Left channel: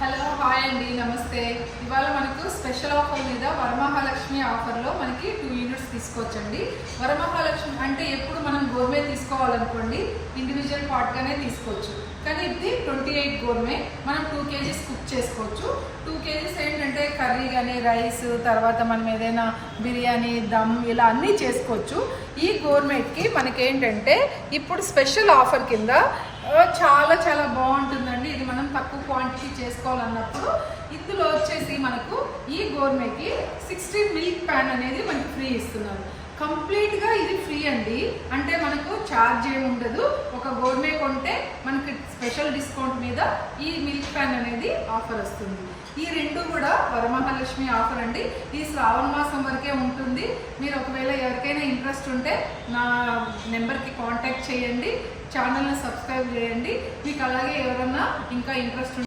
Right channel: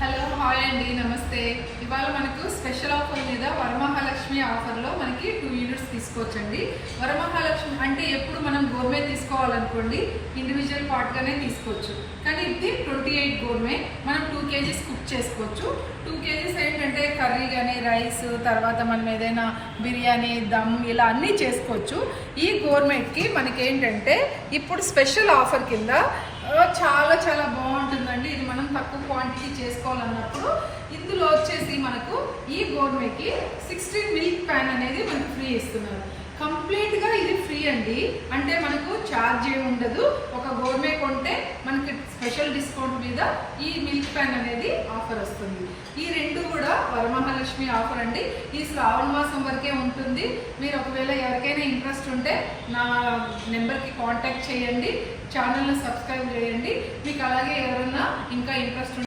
Hello hi అండి నమస్తే. ఇవాళ మనకు స్పెషల్ ఆఫర్ మీద వరమహాలక్ష్మి ఆఫర్లో మనకి 2 యూనిట్స్ తీసుకోవచ్చండి. వరమహాలక్ష్మి అంటే ఎప్పుడు మనం గోర్మే తీసుకోవాలనుకోండి ఇండివిజువల్ పార్ట్గానే తీసుకోవచ్చు. కానీ ఇది 28 గోర్మే మనం 2 kgs కుక్ చేసుకోవచ్చు. 2 kgs ఏంటంటే కర్రీ కానీ రైస్ తర్వాత మనం ఏదైనా బిర్యానీ దమ్ ఇలా అన్నీ చేసుకోవచ్చు. ఈ గోర్మేట్కి మనకేంటంటే ఇప్పుడు స్పెషల్ ఆఫర్ కింద చాలా చాలా బాగుంటుందండి. ఇది మనం తక్కువ క్వాంటిటీ చేసుకోవాలన్నప్పుడు ఇందులో వచ్చేసి మనకు ఈ గోర్మేకి 16 మిల్క్ ప్యాన్ అనేది మనకి ఫ్రీ ఇస్తున్నారు. కంప్లీట్గా ఇది ఫ్రీ అండి. అంటే మనకు ఛార్జ్ ఏమి ఉండదు. ఒక గోర్మే కొంటే మనకి స్పెషల్ డిస్కౌంట్ మీద ఈ మిల్క్ ప్యాన్ అనేది ఆఫర్ వస్తుంది. ఈ రెండు కూడా వరమహాలక్ష్మి ఆఫర్ అండి. ఈ శ్రావణ మాసం వరకే ఉంటుంది. మీరు ఒకవేళ ఎవరికైనా ఇంట్రెస్ట్ ఉంటే నా నెంబర్కి కాంటాక్ట్ చేయండి, ఛానల్ని సబ్స్క్రైబ్ చేయండి. మీకు అలాగే ఎవరన్నా ఇంకా ఇంట్రెస్ట్